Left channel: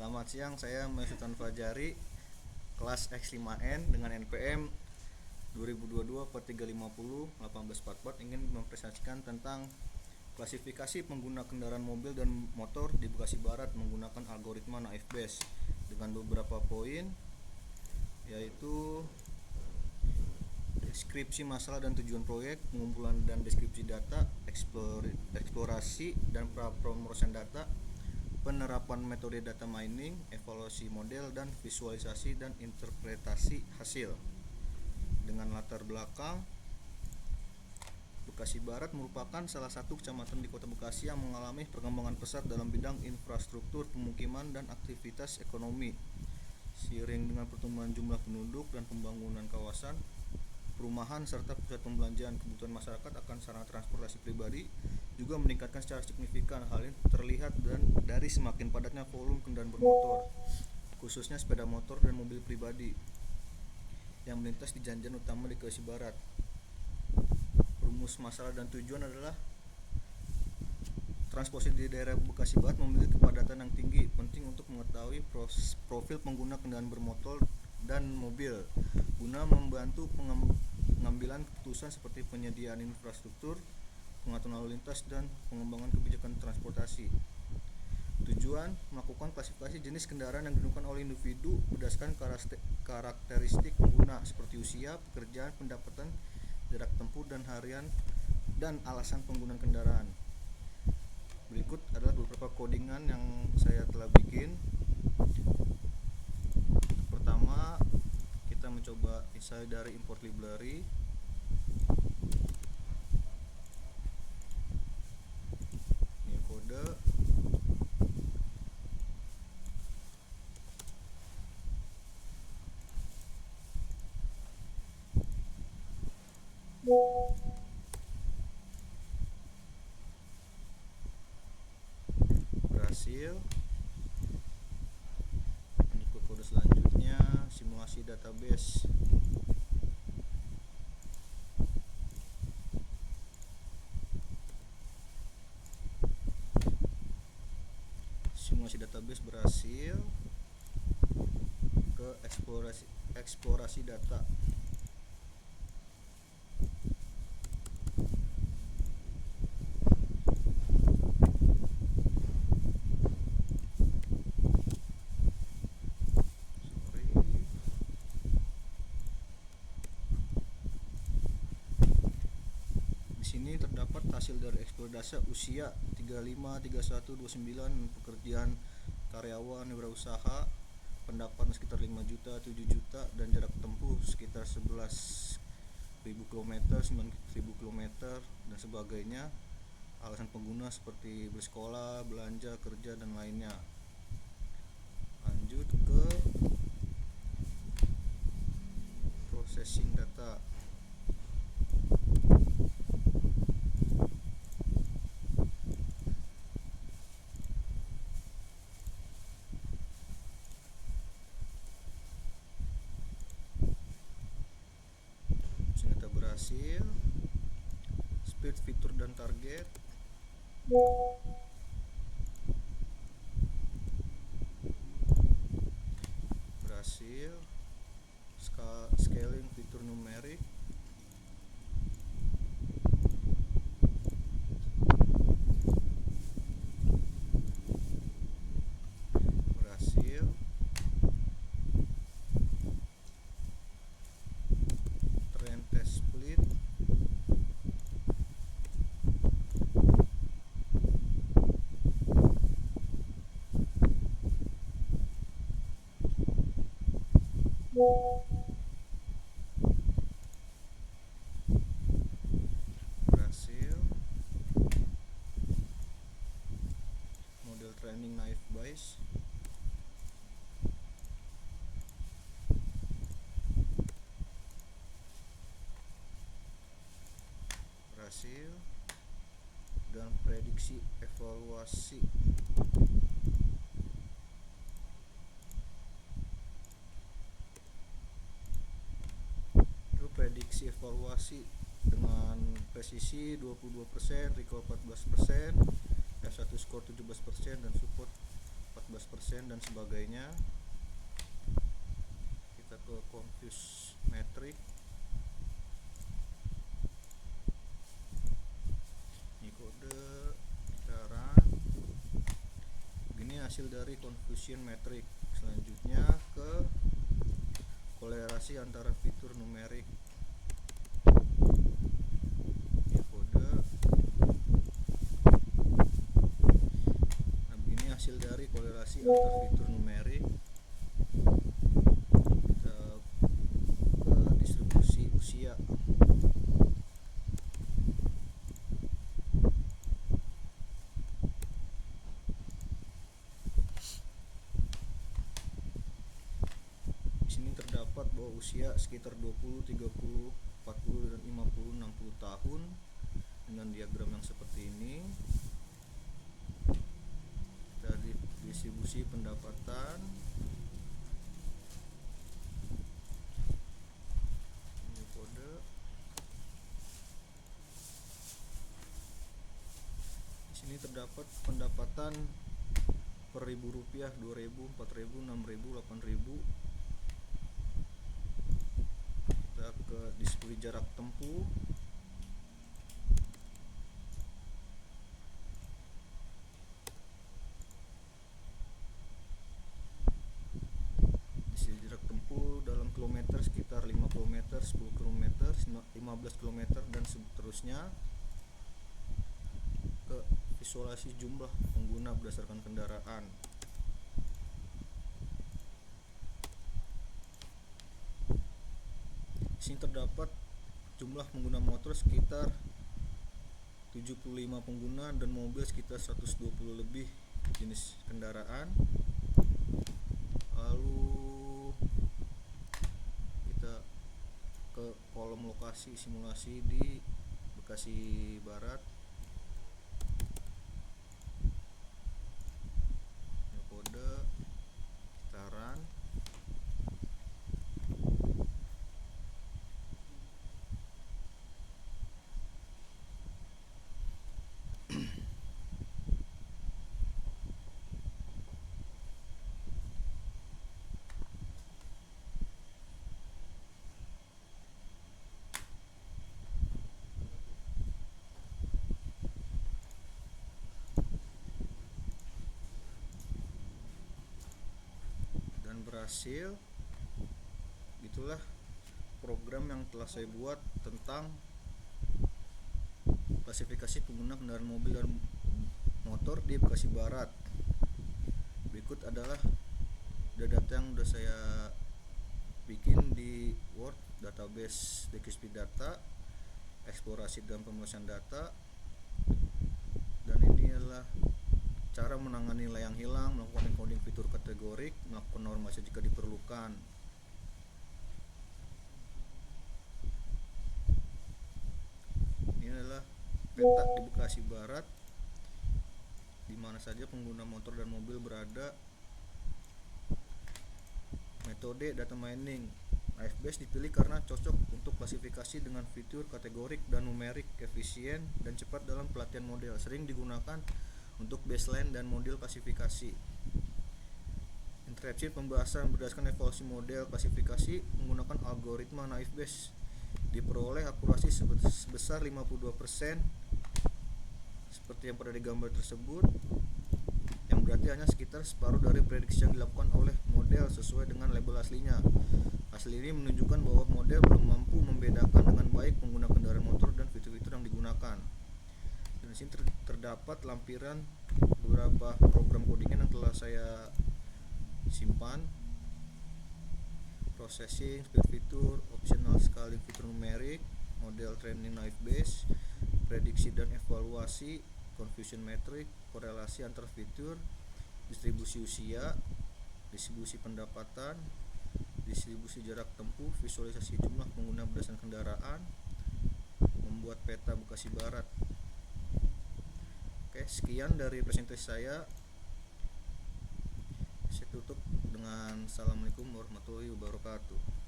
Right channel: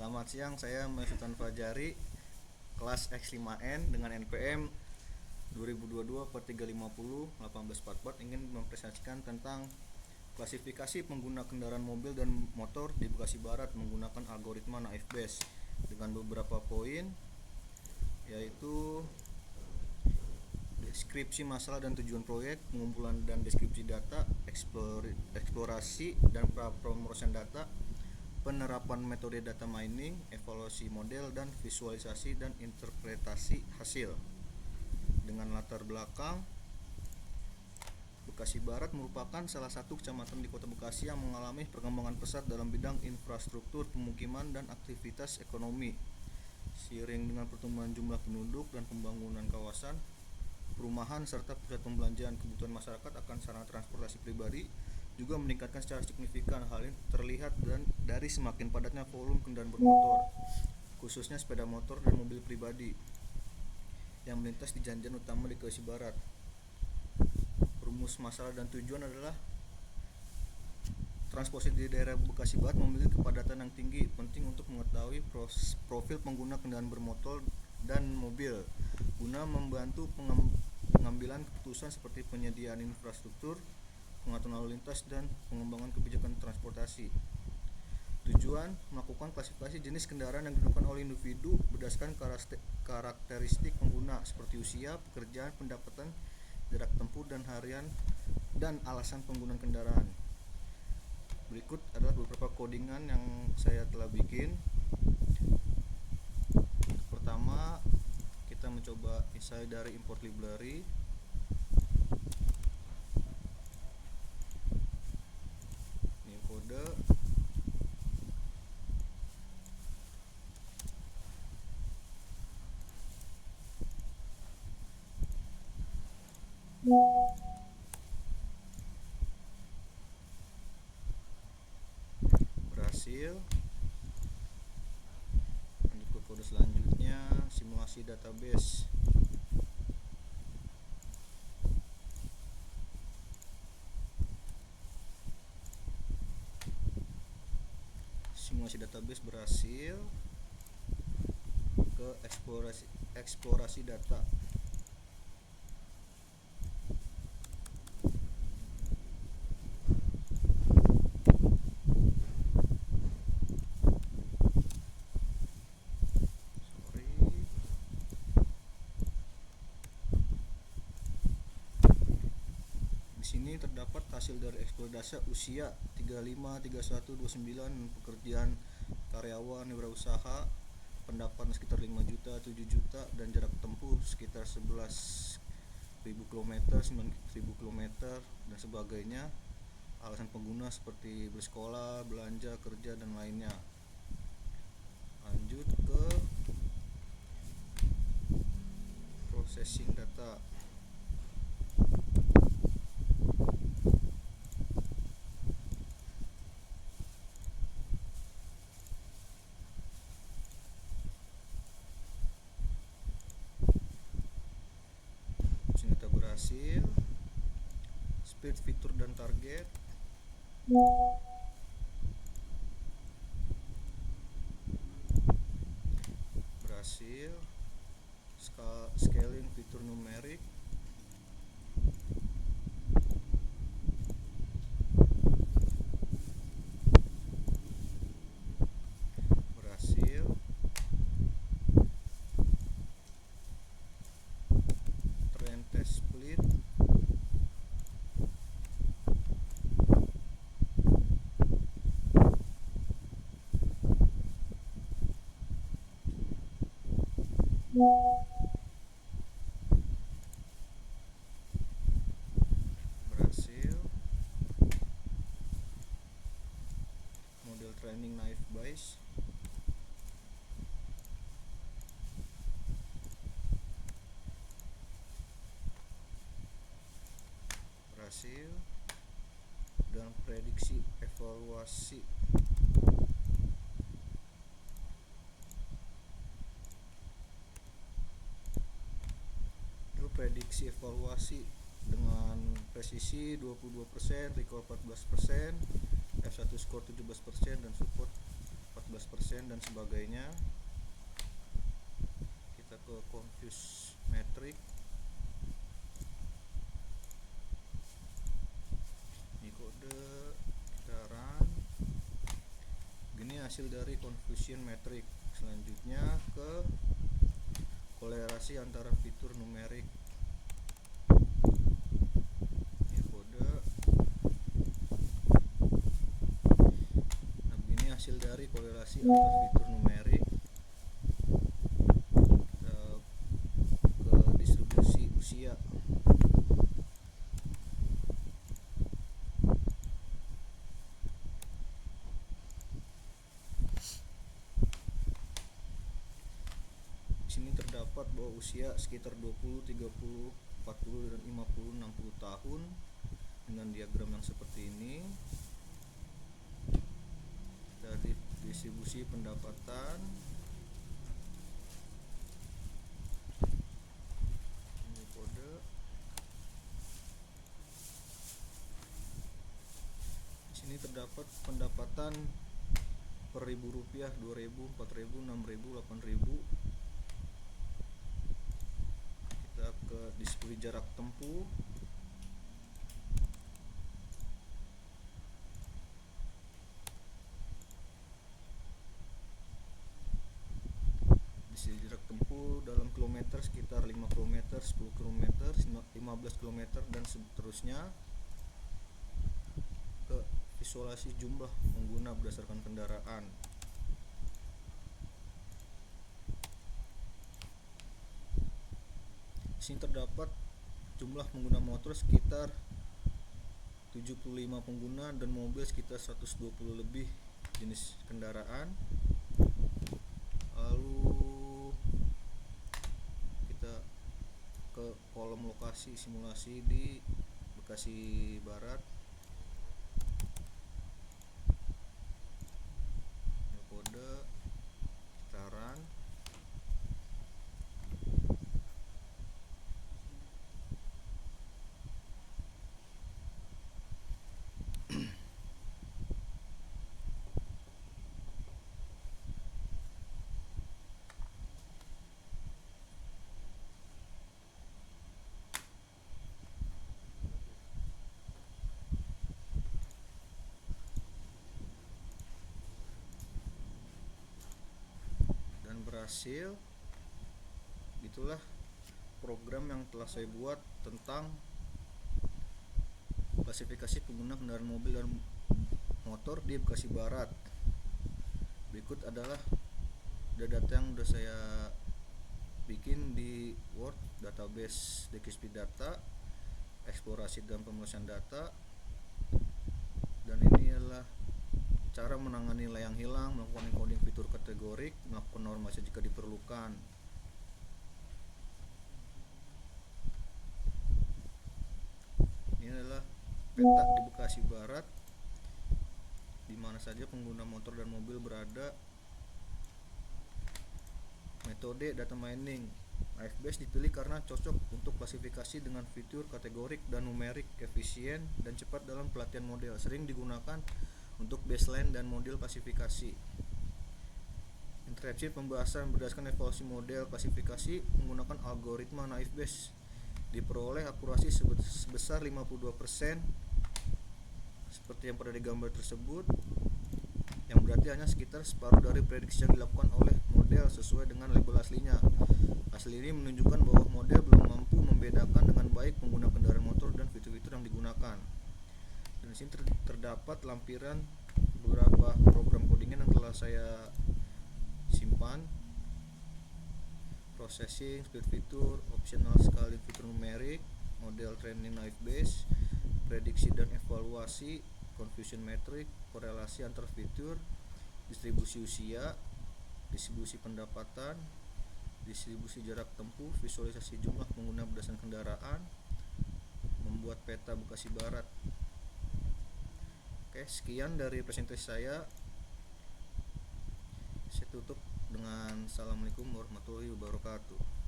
Selamat siang, saya Sultan Fajari, kelas X5N dengan NPM 2022/350 ingin mempresentasikan tentang klasifikasi pengguna kendaraan mobil dan motor di Bekasi Barat menggunakan algoritma Naif Bayes dengan beberapa poin, yaitu deskripsi masalah dan tujuan proyek, pengumpulan dan deskripsi data, eksplorasi dan pemrosesan data, penerapan metode data mining, evaluasi model, dan visualisasi dan interpretasi hasil. Dengan latar belakang, Bekasi Barat merupakan salah satu kecamatan di Kota Bekasi yang mengalami perkembangan pesat dalam bidang infrastruktur, pemukiman, dan aktivitas ekonomi. Seiring dengan pertumbuhan jumlah penduduk dan pembangunan kawasan perumahan serta pusat pembelanjaan, kebutuhan masyarakat akan sarana transportasi pribadi juga meningkatkan secara signifikan. Hal ini terlihat dari semakin padatnya volume kendaraan bermotor, khususnya sepeda motor dan mobil pribadi yang melintas di jalan-jalan utama di Bekasi Barat. Rumus masalah dan tujuan adalah transportasi di daerah Bekasi Barat memiliki kepadatan yang tinggi. Penting untuk mengetahui profil pengguna kendaraan bermotor dan mobil guna membantu pengambilan keputusan seperti penyediaan infrastruktur, pengaturan lalu lintas, dan pengembangan kebijakan transportasi. Tujuan melakukan klasifikasi jenis kendaraan yang digunakan oleh individu berdasarkan karakteristik pengguna seperti usia, pekerjaan, pendapatan, jarak tempuh dan harian, dan alasan penggunaan kendaraan. Berikut adalah beberapa codingan yang saya telah bikin. Pertama, kita mencoba insight dari import library. Ini kode. Berhasil. Lanjut ke kode selanjutnya, simulasi database. Simulasi database berhasil. Ke eksplorasi data. Di sini terdapat hasil dari eksplorasi data: usia 35, 31, 29, pekerjaan karyawan, wirausaha, pendapatan sekitar 5 juta, 7 juta, dan jarak tempuh sekitar 11.000 km, 9.000 km, dan sebagainya. Alasan pengguna seperti bersekolah, belanja, kerja, dan lainnya. Lanjut ke processing data. Ternyata berhasil. Speed, fitur, dan target. Berhasil. Scaling, fitur numerik. Berhasil. Trend test split. Berhasil. Model training Naif Bayes. Berhasil. Dan prediksi evaluasi. Itu prediksi evaluasi dengan presisi 22%, recall 14%, F1 score 17%, dan support 14% dan sebagainya. Kita ke confuse metric. Ini kode, kita run. Begini hasil dari confusion metric. Selanjutnya ke kolerasi antara fitur numerik. Ini kode. Nah, begini hasil dari kolerasi antar fitur numerik. Kita ke distribusi usia. Di sini terdapat bahwa usia sekitar 20, 30, 40 dan 50, 60 tahun dengan diagram yang seperti ini. Dari distribusi pendapatan, ini kode. Di sini terdapat pendapatan per ribu rupiah 2.000, 4.000, 6.000, 8.000. Kita ke distribusi jarak tempuh. Distribusi jarak tempuh dalam kilometer sekitar 5 km, 10 km, 15 km dan seterusnya. Ke visualisasi jumlah pengguna berdasarkan kendaraan. Di sini terdapat jumlah pengguna motor sekitar 75 pengguna dan mobil sekitar 120 lebih jenis kendaraan. Lalu kita ke kolom lokasi simulasi di Bekasi Barat. Ini kode, kita run. Dan berhasil. Itulah program yang telah saya buat tentang klasifikasi pengguna kendaraan mobil dan motor di Bekasi Barat. Berikut adalah data yang sudah saya bikin di Word, database DXP data, eksplorasi dan pemrosesan data. Dan ini adalah cara menangani layang hilang, melakukan encoding fitur kategorik, melakukan normalisasi jika diperlukan. Ini adalah peta di Bekasi Barat, di mana saja pengguna motor dan mobil berada. Metode data mining IFBase dipilih karena cocok untuk klasifikasi dengan fitur kategorik dan numerik, efisien dan cepat dalam pelatihan model. Sering digunakan untuk baseline dan model klasifikasi. Interactive pembahasan berdasarkan evaluasi model klasifikasi menggunakan algoritma IFBase. Diperoleh akurasi sebesar 52% seperti yang pada digambar tersebut, yang berarti hanya sekitar separuh dari prediksi yang dilakukan oleh model sesuai dengan label aslinya. Hasil ini menunjukkan bahwa model belum mampu membedakan dengan baik pengguna kendaraan motor dan fitur-fitur yang digunakan. Dan di sini terdapat lampiran beberapa program codingan yang telah saya simpan. Processing, speed fitur, optional scaling fitur numerik, model training IFBase, prediksi dan evaluasi, confusion metric, korelasi antar fitur, distribusi usia, distribusi pendapatan, distribusi jarak tempuh, visualisasi jumlah pengguna berdasarkan kendaraan, membuat peta Bekasi Barat. Oke, sekian dari presentasi saya. Saya tutup dengan Assalamualaikum warahmatullahi wabarakatuh.